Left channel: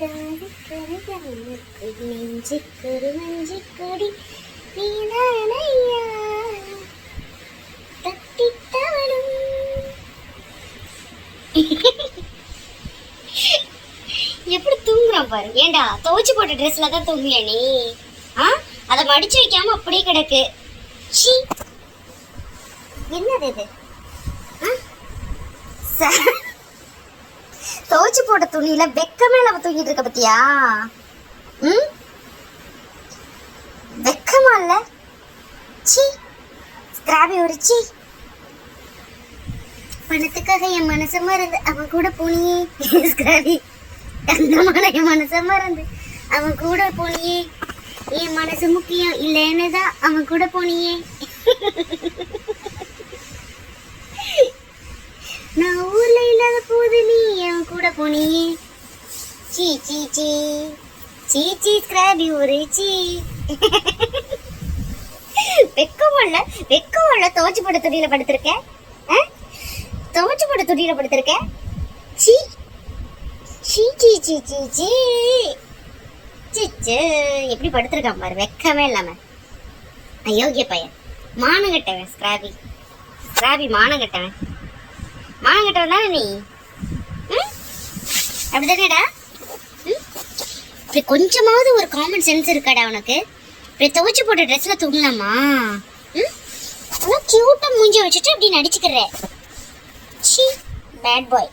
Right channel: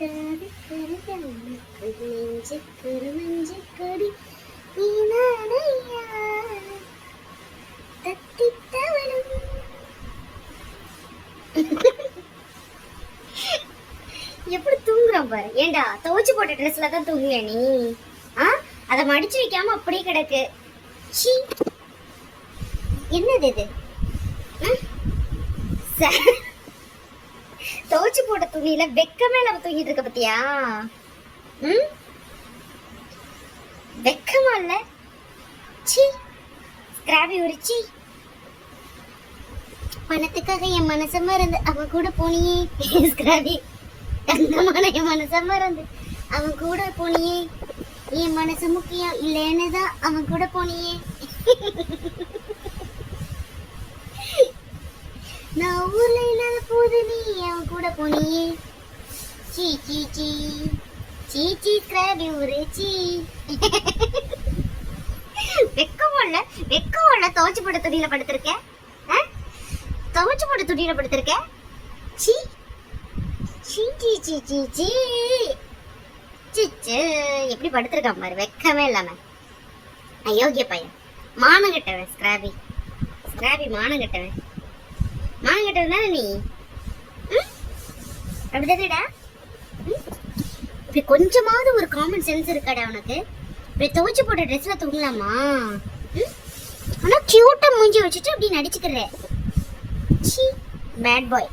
எப்படி தூங்குறான் பாரு. ஏண்டா துவைச்சு போட்ட ட்ரெஸ்ல தான் தூங்குவியா நீ? அதை மடிச்சு வைக்காம அப்படியே கிடக்கு. என்னது இது? துவைச்சு போட்ட துணியில வெக்கமே நம்ம தூங்கிட்டு இருக்க பத்தியா? வெக்கமா இல்ல? சி ஸ்கிராபி ஒரு சி. பணத்துக்காக என் மனசமா இருந்து அவன் கூட போனியே ஸ்கிராபி. தங்கமான என் மனசமா இருந்து அவன் கூட போனியே. என் மனசு முக்கியம் இல்லைன்னுதான் அவன் கூட போனியே. நான் ஊர்ல இல்லாத போது நீ அவன் கூட போனியே. சீ சீ சீ சீ சீ ஸ்கிராபி ஒரு சீ. வெக்கம் இல்ல துவைச்சு போட்ட துணியில படுத்திருக்கேன். துவைச்சு போட்ட துணியில படுத்திருக்கேன். சீ சீ சீ சீ சீ சீ. எப்படி படுத்திருக்கான் பாரு, வெக்கமே இல்லாம. அயோக்கிய பையன், மானம் கட்டவன் ஸ்கிராபி. ஸ்கிராபி மானம் கட்டவன். மானம் கட்டவன் தானே நீ? அப்படிதானேடா? இப்படி கொஞ்சமாவது ஒரு காமன் சென்ஸ் இருக்காடா உனக்கு? இப்படி துவைச்சு போட்ட ட்ரெஸ்ல தூங்கலாமா? ஆனா கியூட்டா மூஞ்சி வச்சுட்டு அப்படி நடிச்சுக்கிறேன். Bad boy.